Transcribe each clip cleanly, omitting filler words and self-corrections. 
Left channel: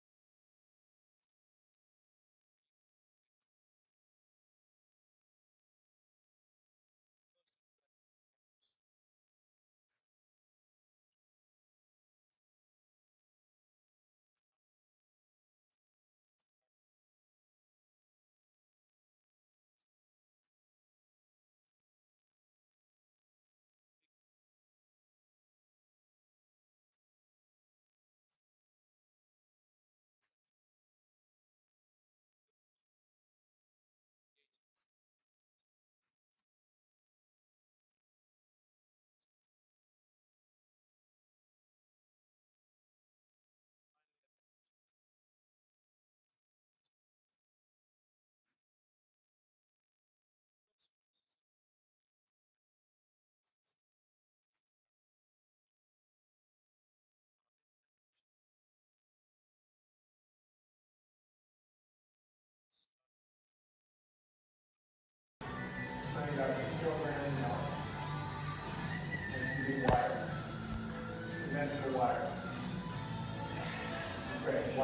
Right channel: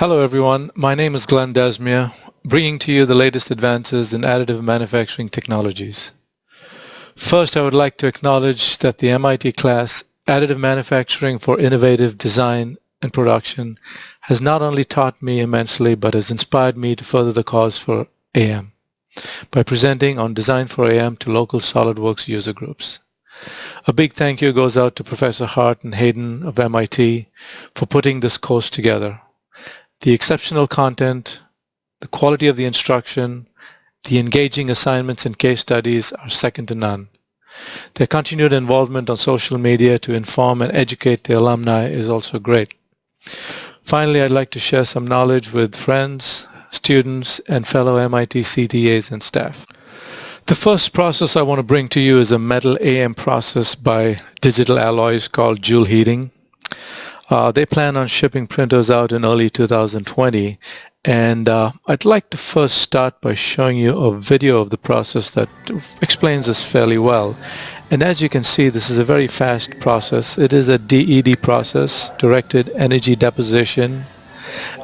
Hello everyone, my name is Glenn Desmere, bringing to you the latest advances in additive manufacturing technologies. First, I would like to acknowledge that the MIT class, Additive Manufacturing for Innovative Design and Production, has not only taught me immensely, but has inspired me to further the cause for AM by presenting on Design for AM to local SOLIDWORKS user groups. A big thank you goes out to Professor Hart and Hayden of MIT for putting this course together. The exceptional content, the quality of the instruction, the engaging assignments and case studies are second to none. Their continued involvement on social media to inform and educate the alumni is also great. Finally, I'd like to share some knowledge with friends, students, and fellow MIT CTAs and staff. The first process I want to bring to you is a metal AM process by Digital Alloys called Joule Heating. They plan on shipping printers out in early 2020, and I'd like to first start by showing you a video of the process that explains this fairly well. And as you can see, this is a very fast process. It is a DED process, directed energy deposition,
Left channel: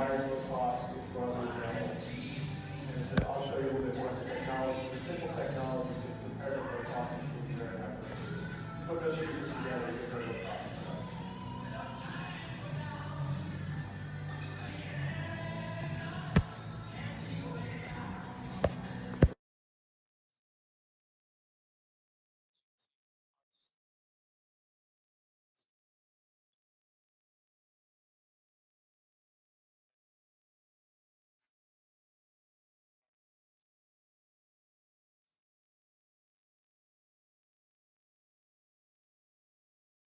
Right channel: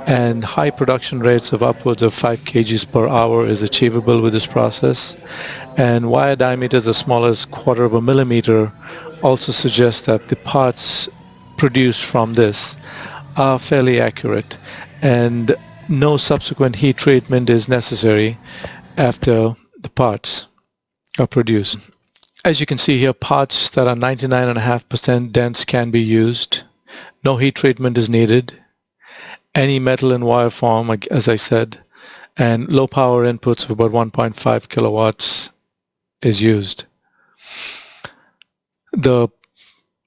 and high production rates of upwards of 5 kgs per hour is achievable with this process. And wire diameters as small as 1/4 of a millimeter also suggest that the parts produced from this are fairly accurate, and no subsequent heat treatment is necessary after the parts are produced. As you can see here, parts that are 99.5% dense can be used. No heat treatment is needed. Any metal in wire form, as I said, and low power inputs of about 1.5 kilowatts is used.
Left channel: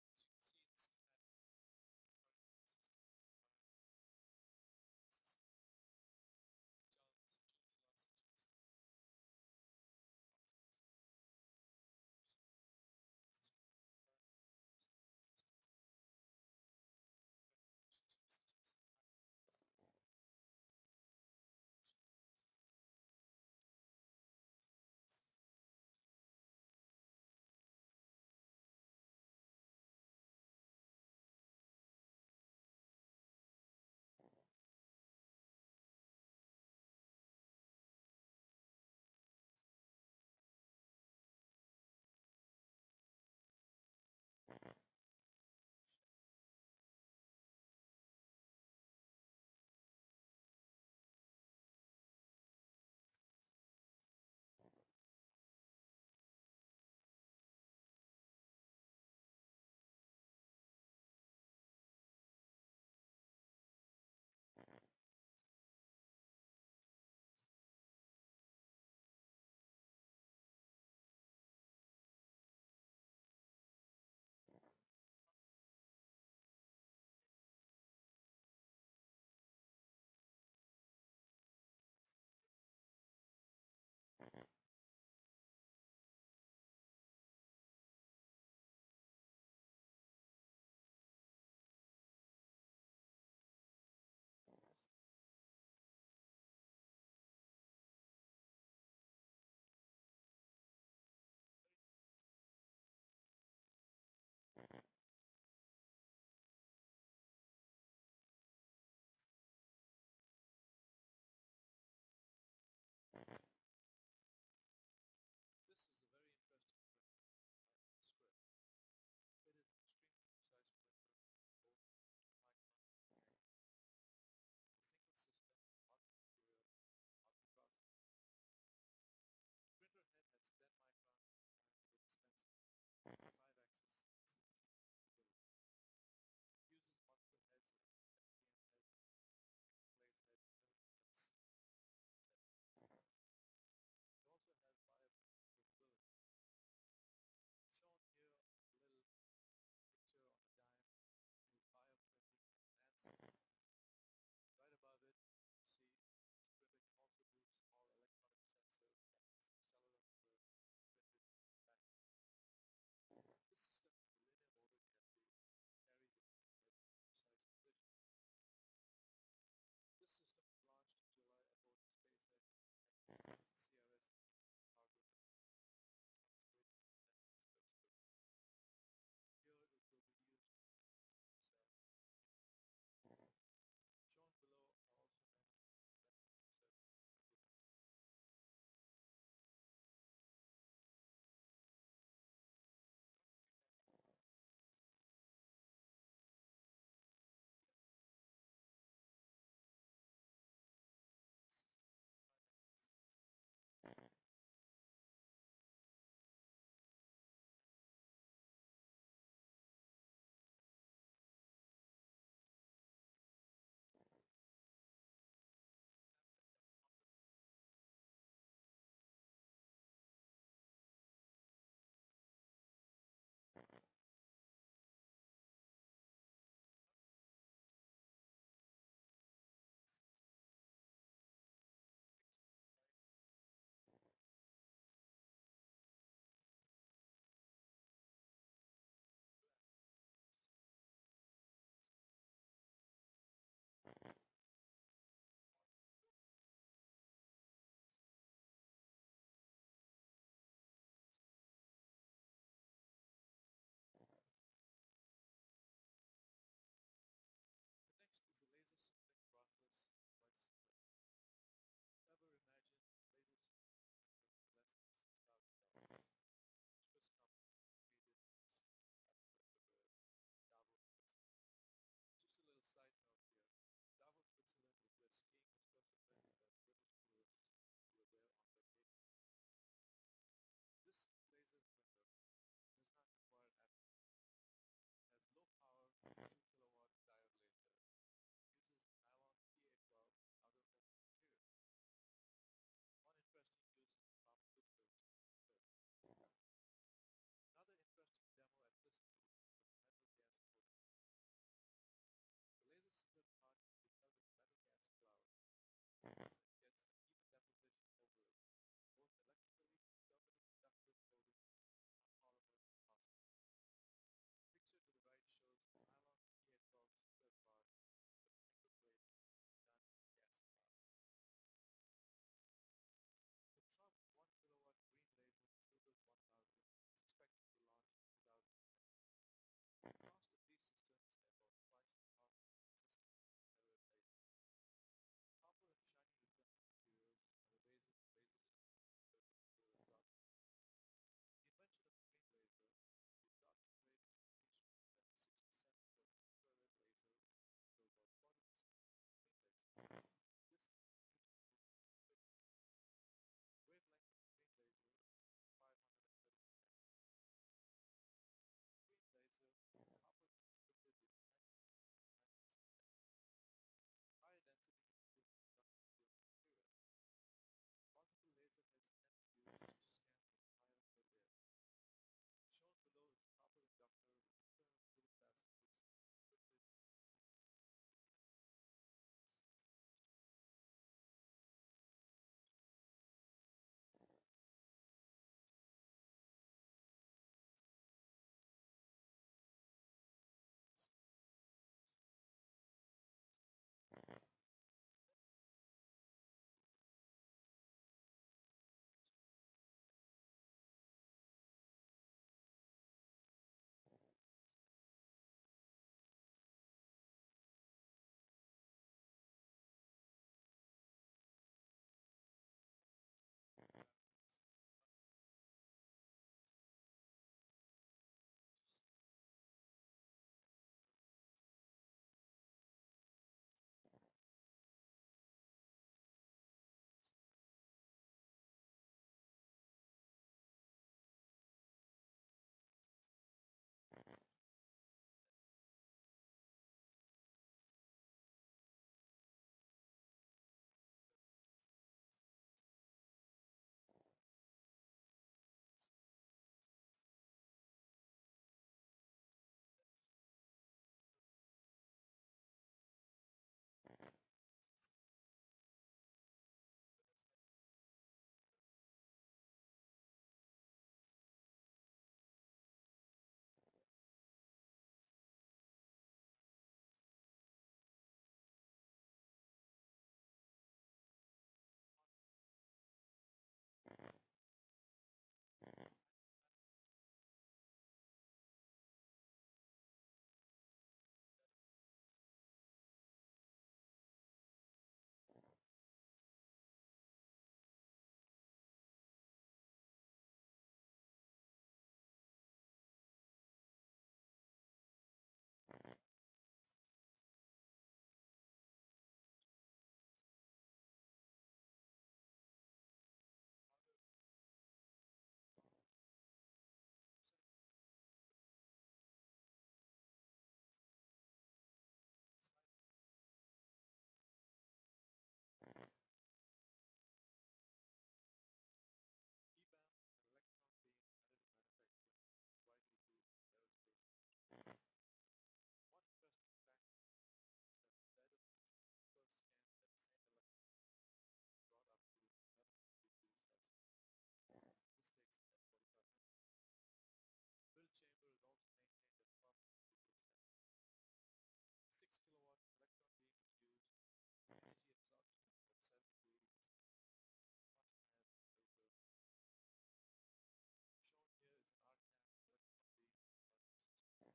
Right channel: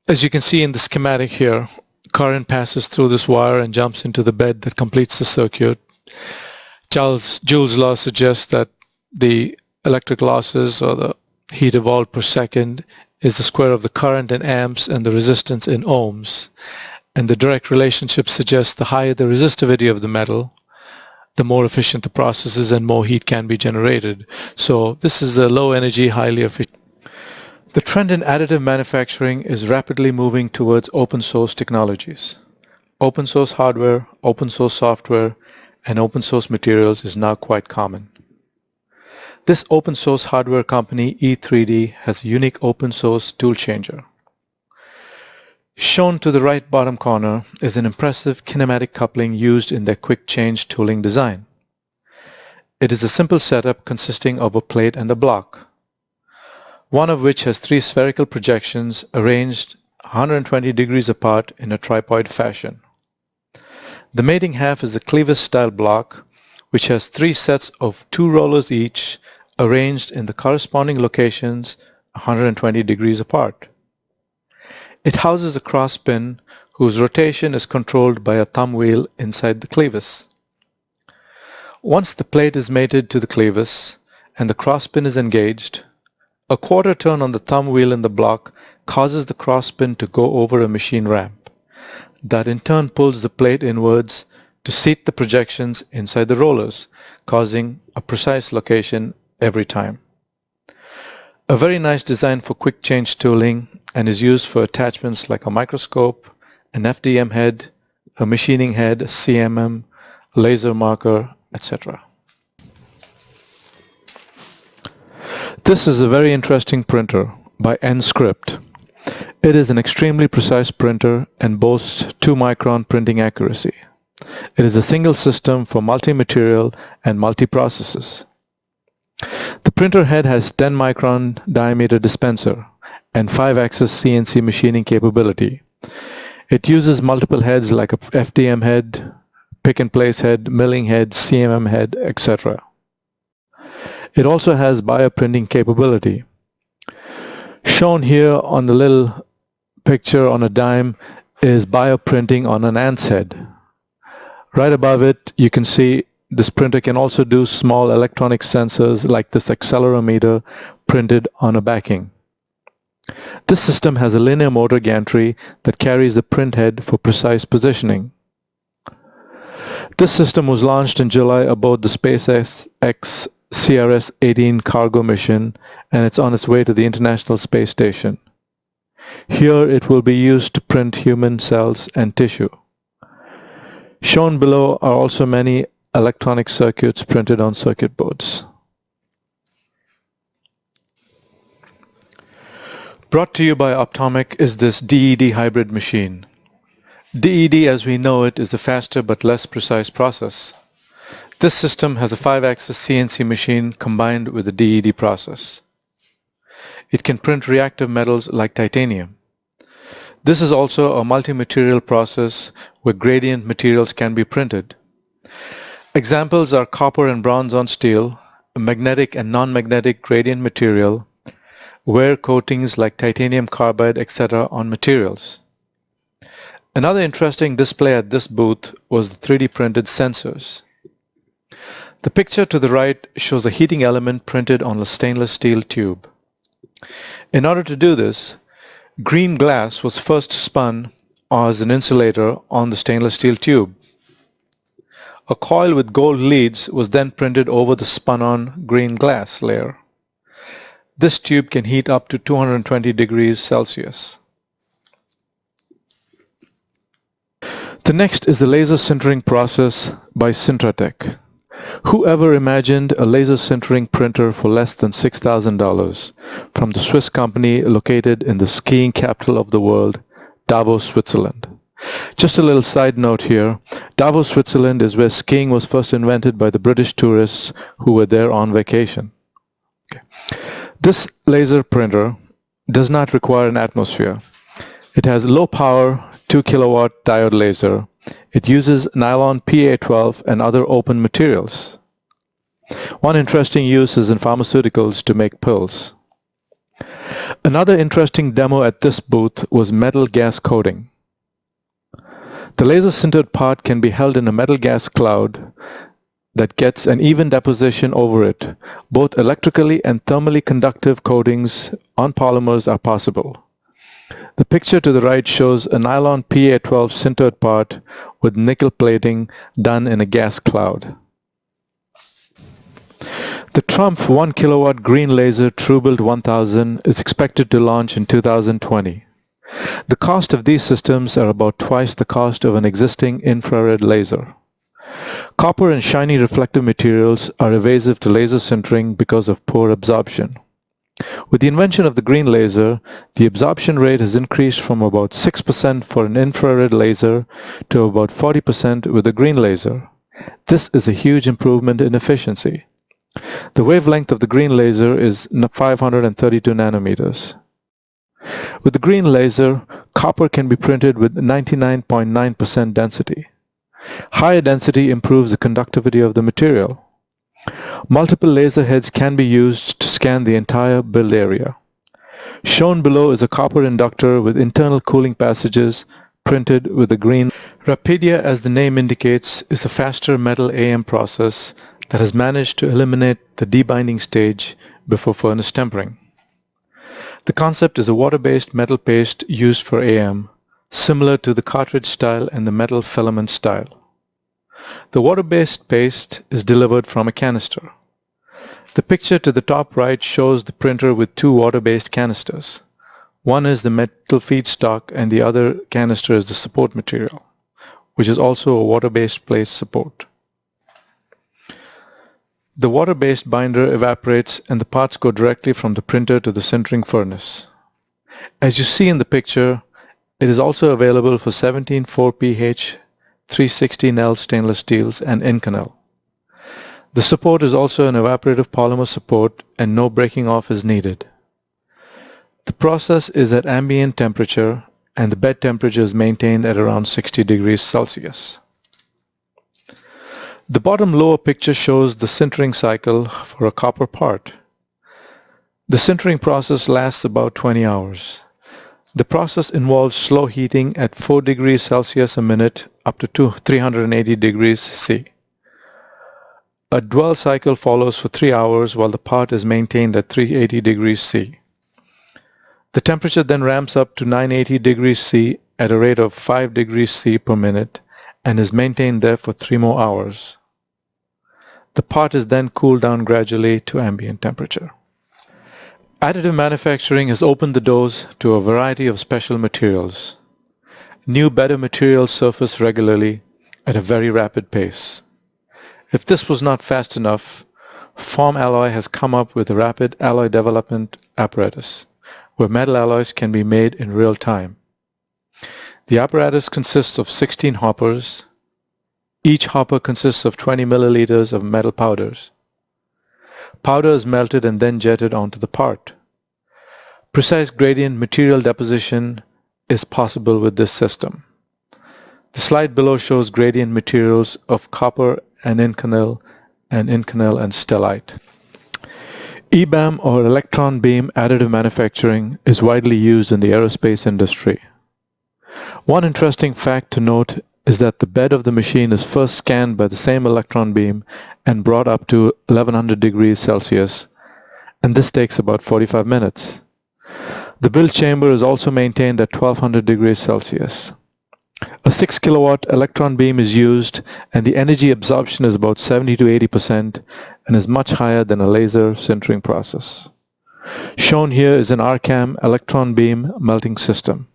As you can see in the schematic here, current passes through this wire and jumps into the bed that completes the circuit. Joule's law suggests that the electric losses, or the heat evolved per second, is the square of the current in amps and the resistance in ohms. And the direct relationship suggests the higher the resistivity of the metal, the more efficient the process is and more heat can be generated. So this is a low energy, highly efficient. The trend in additive manufacturing is rapidly moving towards open source technologies. Open source hardware, open source software, and open source materials is now quite common. This open source hardware company, E3D, has a unique open source tool changer. Shown to the right bottom corner is an impressive kinematic coupling used in their quick change tooling design. It is a simple setup consisting of a plate and a block, one of which has 3 spherical projections arranged 120 degrees apart in a tripod fashion. The mating half is a clevis-style block, which has 3 sets of 2 rollers each, arranged in the corresponding locations 120 degrees apart. It houses a cross pin whose rotation is controlled by a thumb wheel inside the clevis. Once the plate is mated to the clevis and the cross pin is engaged, a quarter turn on the thumb wheel in the block causes the cross pin to go over a machine ramp. That in turn pulls the plate inwards to seat the projections inside the rollers, causing a precise location every time. A very nice design for quick change tooling, and is used for attachments like a microscope, an FDM head, a machining head, a CMM, laser marker, etc. This is a very interesting printer by Nscript. It is an extremely precise printer and boasts 2-micron printing accuracy. It is a single system for multi-material and multi-processes. The printer head has 10-micron diameter dispenser and 5-axis CNC machining capability. It uses multiple heads like a FDM head, pick-and-place head, milling head, CMM head, etc. It also has bioprinting capability. Shown here on the little picture on a dime is bioprinting on an ant's head. Right above it, you can see this printer can also do small electronic sensors like this accelerometer printed on a backing. This system has a linear motor gantry that carries the print head for precise positioning. This system was launched in July aboard the SpaceX CRS-18 cargo mission, and it's on its way to the International Space Station. Here it will be used to print human cells and tissue. Shown below are also many electronic circuits printed on circuit boards. Brought to you by Optomic is this DED hybrid machine. DED as we know it is the faster but less precise process. This system has a 5-axis CNC machine combined with the DED process. It can print reactive metals like titanium. This is also a multi-material process where gradient materials can be printed. Examples are copper and bronze on steel, magnetic and non-magnetic gradient material, wear coatings like titanium carbide, etc. on materials. Another interesting display at this booth was the 3D printed sensors. The picture to the right shows a heating element printed on a stainless steel tube. In order to do this, green glass was first spun as an insulator on the stainless steel tube. A coil with gold leads was then printed over the spun-on green glass layer. This tube can heat up to 220 degrees Celsius. The next is the laser sintering process by Sintratec. Whoever imagined a laser sintering printer for less than $6,000 from the Swiss company located in the skiing capital of the world, Davos, Switzerland? Just a little side note here, Davos, Switzerland is where skiing was first invented by the British tourists who were there on vacation. Okay. This laser printer does not require an atmosphere. It has low power 2 kilowatt diode laser. It uses nylon PA12 and other open materials. One interesting use is in pharmaceuticals to make pills. Another interesting demo at this booth was metal gas coating. The laser sintered part can be held in a metal gas cloud that gets an even deposition over it. Both electrically and thermally conductive coatings on polymers are possible. The picture to the right shows a nylon PA12 sintered part with nickel plating done in a gas cloud. The Trump 1 kilowatt green laser TrueBuild 1000 is expected to launch in 2020. The cost of these systems are about twice the cost of an existing infrared laser. Copper and shiny reflective materials are evasive to laser sintering because of poor absorption. With the invention of the green laser, the absorption rate has increased from about 6% for an infrared laser to about 40% with a green laser. This is a huge improvement in efficiency. The wavelength of the green laser is 532 nanometers. With the green laser, copper can be printed with 99.9% density. Higher density improves the conductivity of the material. Multiple laser heads can be used to scan the entire build area. Shown below is a copper inductor with internal cooling passages printed with a green. Rapidia, as the name indicates, is a faster metal AM process that has managed to eliminate the debinding stage before furnace tempering. The concept is a water-based metal paste used for AM, similar to the cartridge style and the metal filament style. The water-based paste is delivered from a canister. The picture to the top right shows the printer with two water-based canisters. One is the metal feedstock and the other canister is the support material, which is also a water-based place support. The water-based binder evaporates and the parts go directly from the printer to the sintering furnace. As you see in the picture, it is also available for 17 4pH 360 Nel stainless steels and Inconel. The support is also an evaporative polymer support and no breaking off is needed. The process is at ambient temperature and the bed temperature is maintained at around 60 degrees Celsius. The bottom lower picture shows the sintering cycle for a copper part. The sintering process lasts about 20 hours. The process involves slow heating at 4 degrees Celsius a minute up to 380 degrees C. A dwell cycle follows for 3 hours while the part is maintained at 380 degrees C. The temperature then ramps up to 980 degrees C at a rate of 5 degrees C per minute and is maintained there for 3 more hours. The part is then cooled down gradually to ambient temperature. Additive manufacturing has opened the doors to a variety of special materials. New better materials surface regularly at a very rapid pace. If this was not fast enough, Form Alloy has come up with a rapid alloy development apparatus, where metal alloys can be made in real time. The apparatus consists of 16 hoppers. Each hopper consists of 20 milliliters of metal powders. Powder is melted and then jetted onto the part. Precise gradient material deposition is possible with this system. The slide below shows gradient materials of copper and inconel and stellite. EBAM, or electron beam additive manufacturing, is widely used in the aerospace industry. One interesting fact to note is that the bed of the machine is first scanned by the same electron beam and brought up to 1100 degrees Celsius, and this takes about 45 minutes. The build chamber is also maintained at 1200 degrees Celsius. A 6 kilowatt electron beam is used, and the energy absorption is about 70 to 80% and is much higher than a laser sintering process. Shown here is an RCAM electron beam melting system.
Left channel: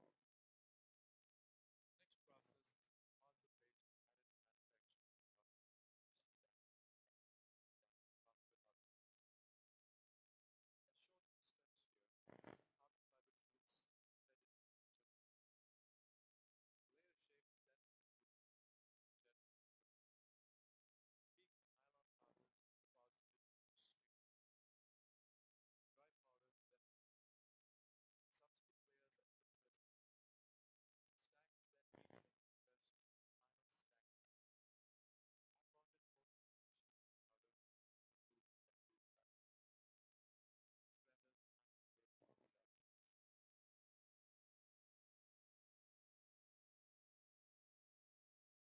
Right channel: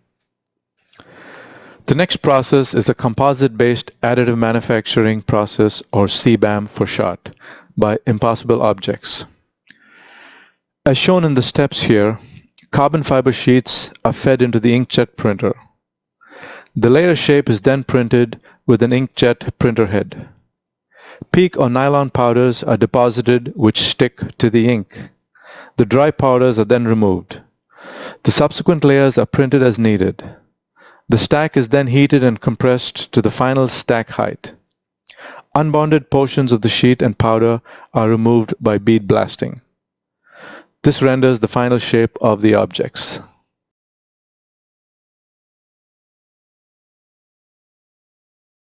The next process is a composite-based additive manufacturing process, or CBAM for short, by Impossible Objects. As shown in the steps here, carbon fiber sheets are fed into the inkjet printer. The layer shape is then printed with an inkjet printer head. PEEK or nylon powders are deposited which stick to the ink. The dry powders are then removed. The subsequent layers are printed as needed. The stack is then heated and compressed to the final stack height. Unbonded portions of the sheet and powder are removed by bead blasting. This renders the final shape of the objects.